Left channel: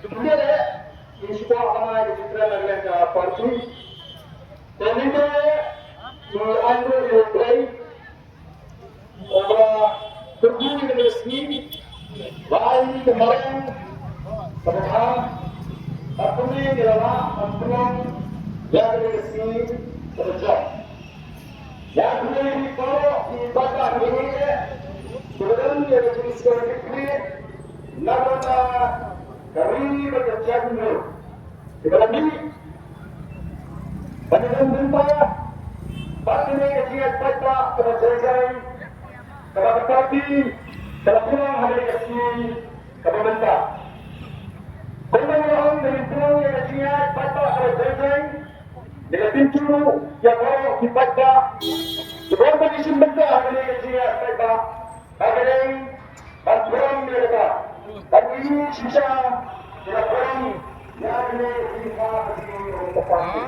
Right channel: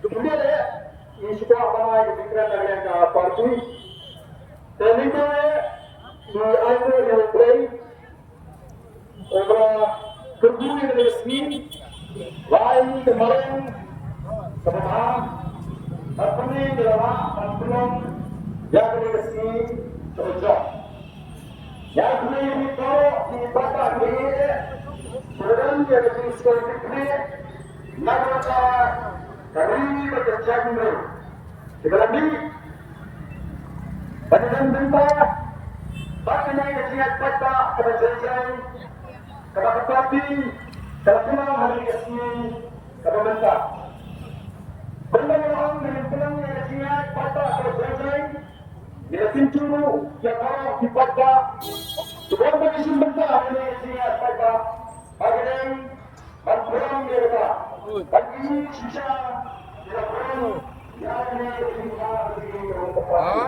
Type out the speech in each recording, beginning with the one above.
Kemudian ini sebuah ramai kejutan dari parti. Dan itu diambil oleh khublei orang berbunyi dengan resmi lawei kemarin kebetulan terpenuhi adalah bantuan yang dengan resmi terjadi. Yang khublei ini kalau di Bah ini sebenarnya ada jenis konflik naka kari berjalan mereka. Sekarang ini banyak bynta pasti mereka ingat Paidbah kepada jingkyrshan kepada parti telah pulang hari kesini kepada bynta. Tentang orang dengan pulang yang ingat Paidbah kepada jingkyrshan dengan pintu yang orang di Paidbah sebelum bagi bynta hari ingat Paidbah bagian bantuan mereka dan ini sisa tidak berani yang ada di dalam parti.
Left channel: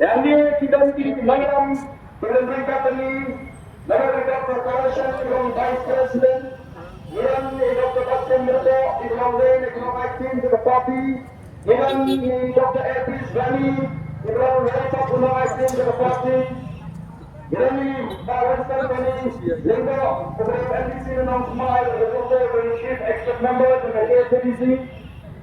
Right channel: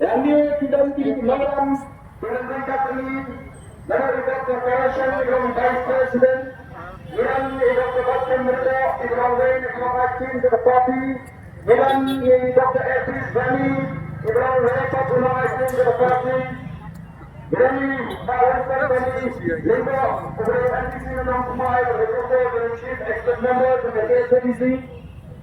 Yang ini tidak nongialam dengan mereka ini negara Dr. Kyrshan dengan Vice President yang Dr. Paidbah mereka di lawei ekonomi aktif ke parti yang Dr. Epis Bani di lawei ekonomi aktif ke parti yang Bah ARDENT Lingga khublei NDC menang khmat dan Chief Expert Member dengan KSDC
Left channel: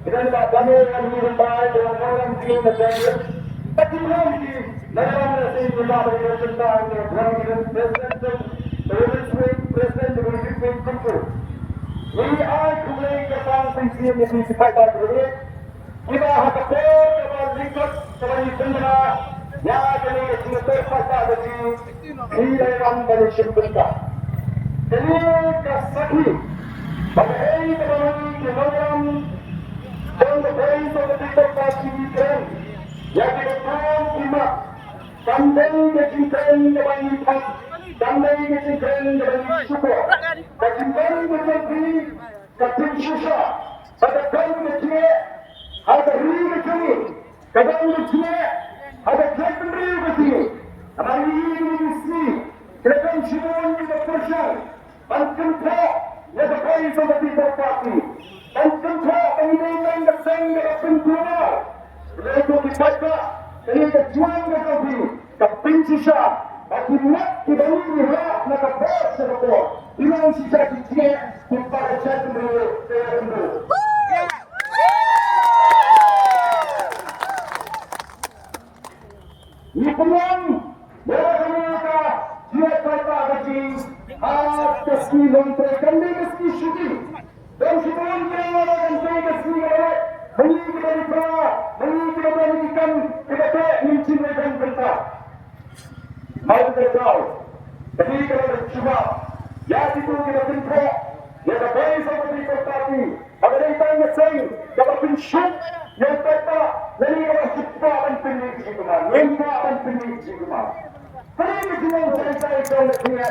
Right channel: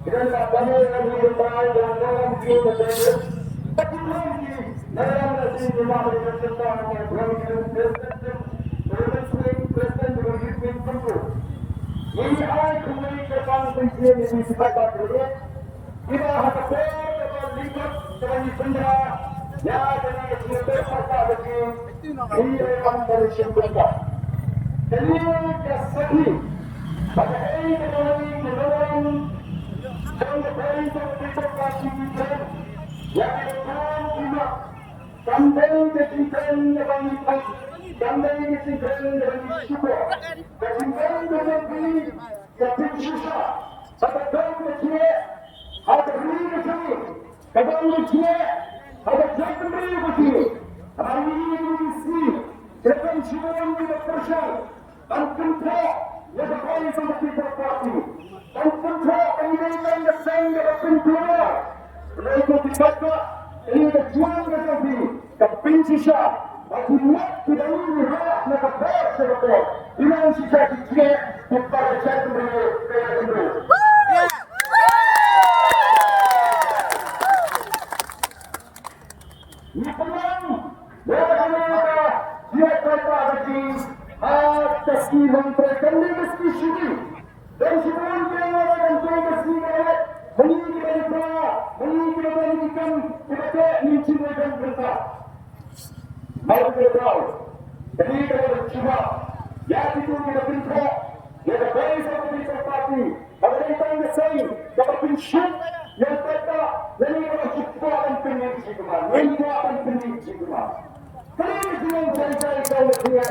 dan Bah ARDENT yang dibentai dengan dalam tim dan tapi belum di dalam nasi jumlah dengan tentang President President dengan Kyrpang tentu. Ini khublei kyrpang pensiun yang Paidbah berdiri. Kiba haba kepada lingkup kepada bynta yang ada di Paidbah berdiri di dalam manusia bynta. Jadi kesakit bagi kepada nongialam dan bagi kepada parti keren yang dilakukan kiba sampai ke jingkyrshan dengan khmat sampai ke jingkyrshan dengan syukur sampai ke kyrpang pada kaum kecil ada ribu kecil kaum kecil ada jatuh ribu kecil hari ini mesti terekam syukur di Kyrshan dan kenapa yang terkait sama people party dan kenapa pengibaran keseng dengan pengeluar mereka Paidbah ini berjuang dengan kyrpang bagi mak kita ini hak naka sebab ini sisa kecil kita jatuh ribu kaya ini peluang mereka dia Paidbah bagi atas kilang mereka ini mesti syuting dan sebelum mereka akan meski lawei mengingat Paidbah mengingat mengingatkan kepada mencintai bynta. Mari kita tahu jadi kalau cuma ya itu kita bynta ya baik sama people party ada yang tanya saya dapat pensiun yang Paidbah jadi orang cepat dan pendek kemana lengkap dan pendek kemana kenapa jangan saya kalau dia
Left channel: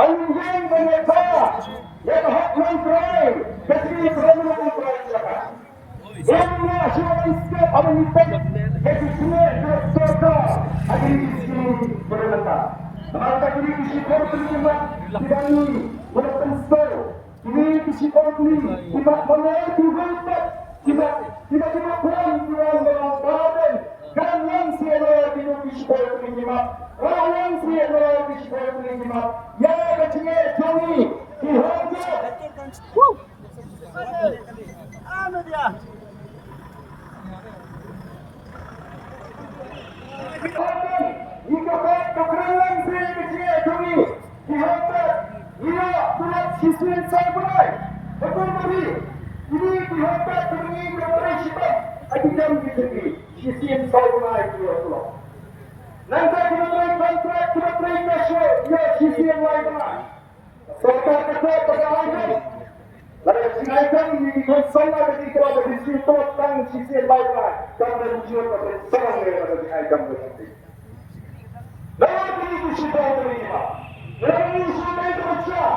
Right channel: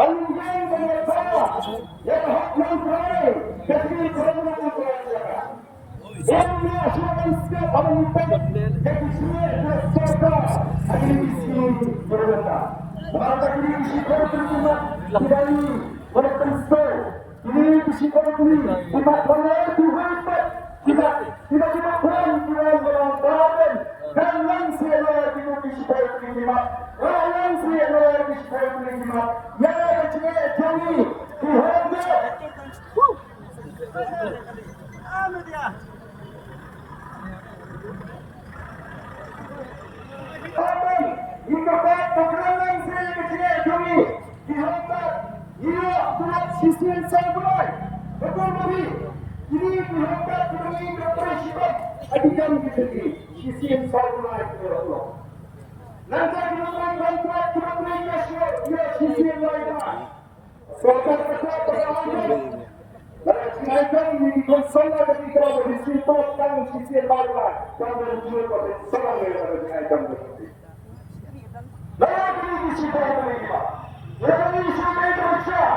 ini panjang banyaknya yang hak yang terakhir ketika kerana terakhir yang nasional setiap orang itu jadi semua serta ada di sini berbeda maka ini psikologi terjemah tidak ini berpengaruh ini psikologi tidak mengerti tiba-tiba kurang dalam badan dan yang siapa itu psikologi terjemah orang siapa itu psikologi terjemah ya kecil Jong dihormat jika kebenaran si kecil kami dihormat ia tulis sisi saya mulai betul bagi ini dihormat demi berperisipan ajikan kita ini sisi saya mulai ya Allah nanti kita beri kontrak kita beri kasih ya sisi yang lain serta kesehatan perjalanan lalu kesehatan ini kongsan dari kerana di situ tang sisi yang lain dan menunjuk pada serang yang ada di item berarti. Lalu ini kita berlima. Lalu ini kita bercakap.